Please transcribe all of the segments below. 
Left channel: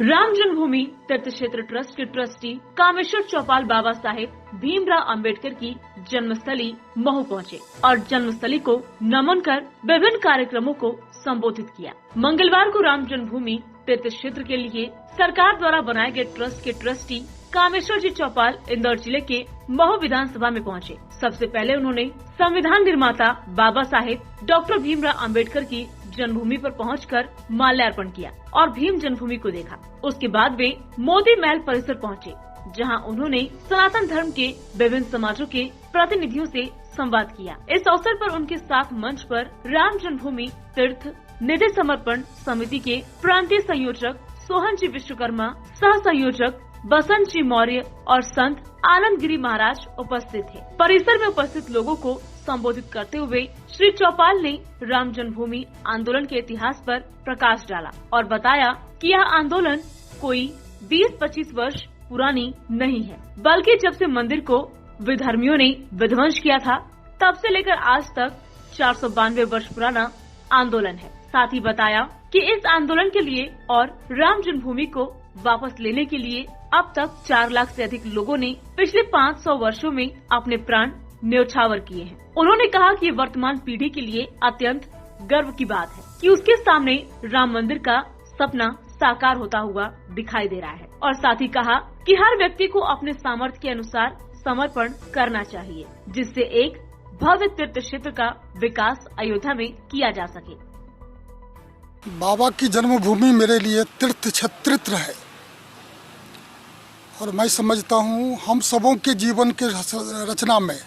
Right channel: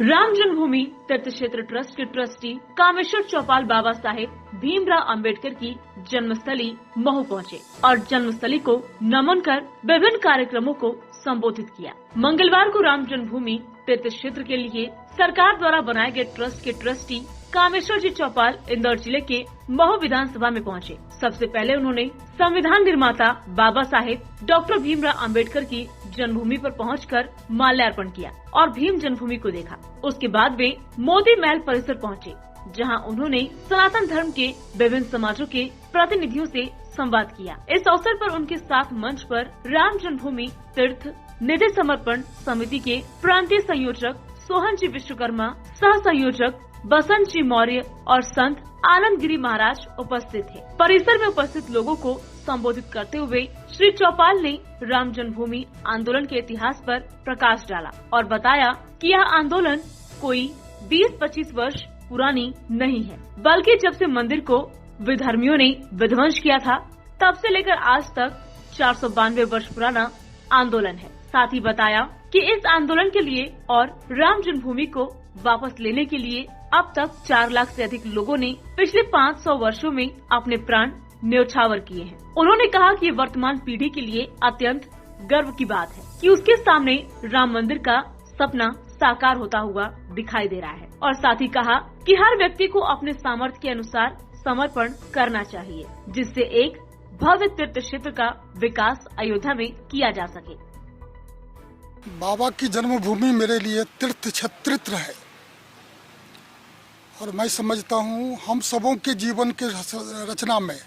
राम जन्मभूमि तीर्थ क्षेत्र ट्रस्ट के ट्रस्टी कामेश्वर चौपाल बाबा साहेब भीमराव अंबेडकर की जन्मस्थली महू पहुंचे और जन्मस्थली को नमन कर विभिन्न कार्यक्रमों को संबोधित किया। मंगलवार को राम जन्मभूमि तीर्थ क्षेत्र के लिए सरकार द्वारा बनाए गए ट्रस्ट के ट्रस्टी कामेश्वर जी चौपाल इंदौर जिले के महू विधानसभा में पहुंचे। सबसे पहले उन्होंने संविधान निर्माता बाबा साहेब डॉक्टर भीमराव अंबेडकर की जन्मभूमि पर पहुंचकर माल्यार्पण किया और भीम जन्मभूमि को देखा। उसके बाद वे मोदी महल परिसर पहुंचे, जहां उन्होंने सनातन धर्म के विभिन्न समाजों के प्रतिनिधियों से संवाद किया। इस अवसर पर उनके साथ मंच पर राम जन्मभूमि तीर्थ निधि समर्पण समिति के प्रांतीय संयोजक सोहन जी विश्वकर्मा, सह संयोजक बसंत जी मौर्य और संत आनंदगिरी महाराज उपस्थित थे। परिसर में उपस्थित लोगों को संबोधित करते हुए श्री चौपाल ने राम जन्मभूमि आंदोलन के इतिहास पर प्रकाश डाला और बताया कि यह आंदोलन कोई 20-25 वर्ष पुरानी नहीं है, बल्कि जब से मंदिर को विधर्मियों ने विध्वंस किया था तब से लेकर आज तक 492 वर्ष पुराना आंदोलन है। साथ ही बताया कि इस आंदोलन के लिए और राम जन्मभूमि को वापस लेने के लिए अब तक 4 लाख से अधिक लोगों ने पिछले 500 वर्षों में अपने प्राण न्योछावर किए हैं। उन्होंने कहा कि वर्तमान पीढ़ी के लिए अत्यंत गर्व की बात है कि उसके सामने राम मंदिर का सपना साकार होता हुआ दिखाई दे रहा है और साथ ही कहा कि हर व्यक्ति को अपने सामर्थ्य के अनुसार समर्पण करना चाहिए, जिससे एक भव्य तीर्थ क्षेत्र का विकास अयोध्या में किया जा सके। बाबा की जन्मभूमि मेरे लिए तीर्थ क्षेत्र है और मैं समझता हूँ हम सबों के जीवन के रचना में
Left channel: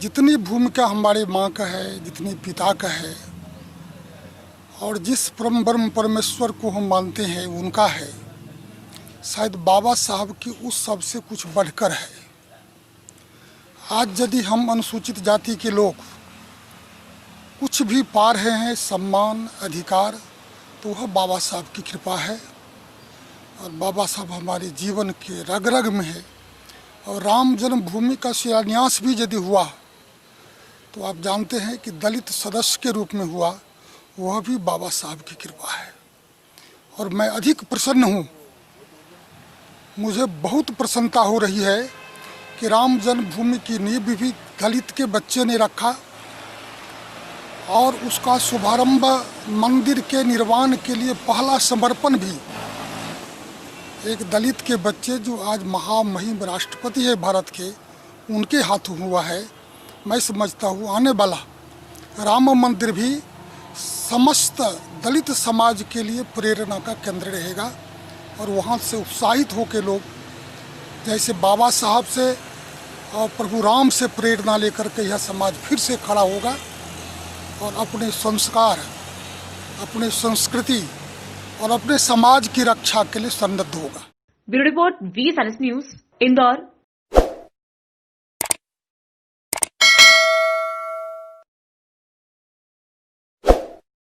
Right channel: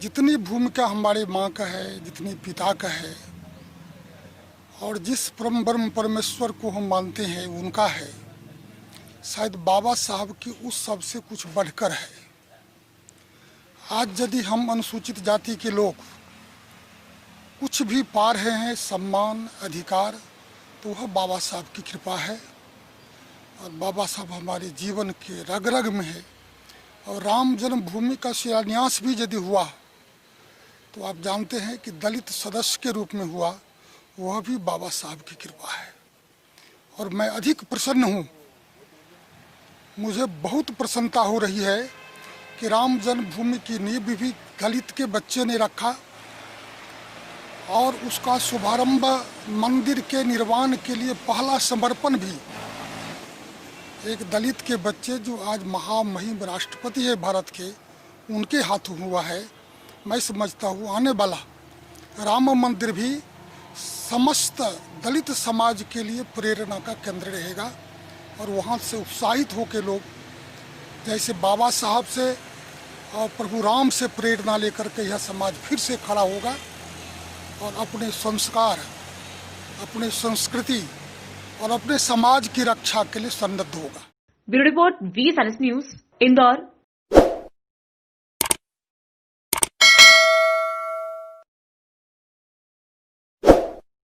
जितनी भूमिका हमारे माँ का है, जितनी पिता का है और जिस परम ब्रह्म परमेश्वर को हम मानते हैं उनका है, शायद बाबा साहब की उस सब से कुछ बढ़कर है। आज यदि हम अनुसूचित जाति के लोग कुछ भी पा रहे हैं सम्मान अधिकार, तो वह बाबा साहब की कृपा है और बाबा साहब हमारे जीवन के रग रग में है। और राम जन्मभूमि का शिलान्यास भी यदि हुआ तो आप जानते हैं कि दलित सदस्य के रूप में हुआ, वह भी बाबा साहब की कृपा है और मैं अधिक प्रसन्न हूँ। मुझे बहुत प्रसन्नता हो रही है कि राम जन्मभूमि की नींव भी दलित के बच्चे ने रखा और उसका शुभारंभ मंदिर के निर्माण के लिए पहला समर्पण भी एक दलित के बच्चे जो आज महामहिम राष्ट्रपति है भारत के, उनके हाथों हुआ है। मैं समझता हूँ आने वाला राम मंदिर भी समस्त दलित समाज के लिए प्रेरणा का केंद्र रहेगा और वहाँ से उत्साहित होकर लोग जैसे बाबा साहब से और प्रभु राम से प्रेरणा लेकर के यह समाज फिर से खड़ा होगा और अपने संस्कार, अपने संस्कृति और अपने समाज की रक्षा के लिए सन्नद्ध होगा। Bureau report, VSRS news, Indore.